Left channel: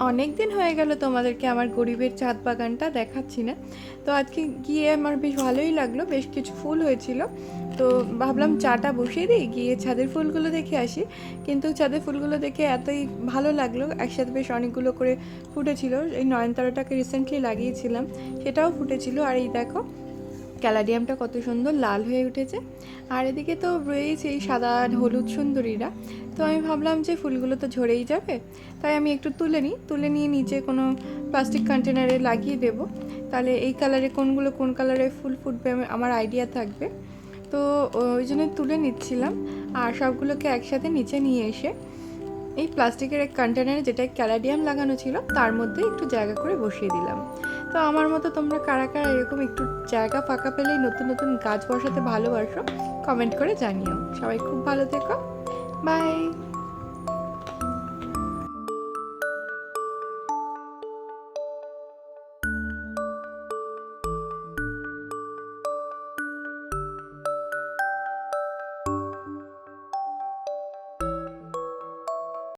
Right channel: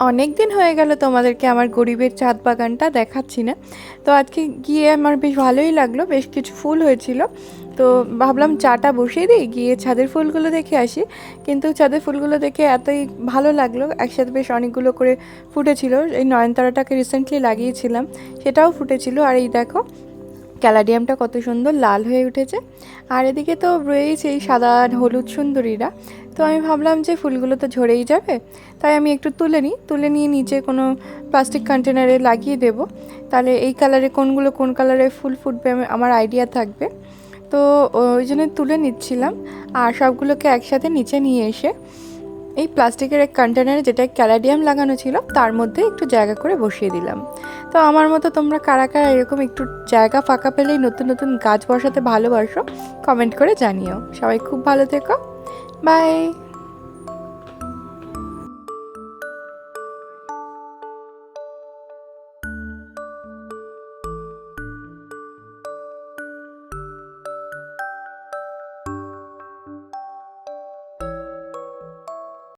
অনেক দিন হয়ে গেল তোমাদেরকে আমার গরিবের ছাদ বাগানটা দেখাচ্ছি না। তো আজকে গিয়ে আমার বেশ ভালোই লাগল, বেশ কিছু ফুল হয়েছিল। তো ভাবলাম চাটা বসিয়ে দিই, গিয়ে ছাদের ফুলগুলো দেখে আসি। কিন্তু ছাদের ফুলগুলো দেখে এতই ভালো লাগল, একসাথে বেশ অনেকগুলো করে ফুটেছিল। এই নয়নতারাটাকে রিসেন্টলি লাগিয়েছিলাম, সেটাও ফুটেছিল। আর এই দেখো ক্যালাডিয়ামটা কত সুন্দর, লাল হয়ে উঠেছে। আর এদিকে তো রয়েছে এই সাদা হলুদ সুন্দরীরা। তো আমি ভাবলাম যে ফুলগুলো তো ঝরেই যাবে, তাই আমি একটু তুলে নিই। তুলে নিয়ে নিচে কোনো প্লাস্টিক কন্টেনারে লাগিয়ে দেব। তাহলে এই কালারে কোনগুলো, কোন কালারে ফুল ফুটবে আমার আইডিয়া থাকবে। তো ওই জন্য তুলে নিচ্ছিলাম। আর সবগুলোকে একসাথে নিচে নিয়ে এসে এই প্লাস্টিকের এক কন্টেনারে যেটা ক্যালাডিয়াম লাগানো ছিল, তার মধ্যে একটু জায়গা করে বসিয়ে দিলাম। তো আমার মতো তোমরা কারা কারা এরকম একটু জায়গা ফাঁকা পেলেই নতুন নতুন গাছ বসাতে ভালোবাসো কমেন্ট করে জানিও। সবাই খুব ভালো থেকো। বাই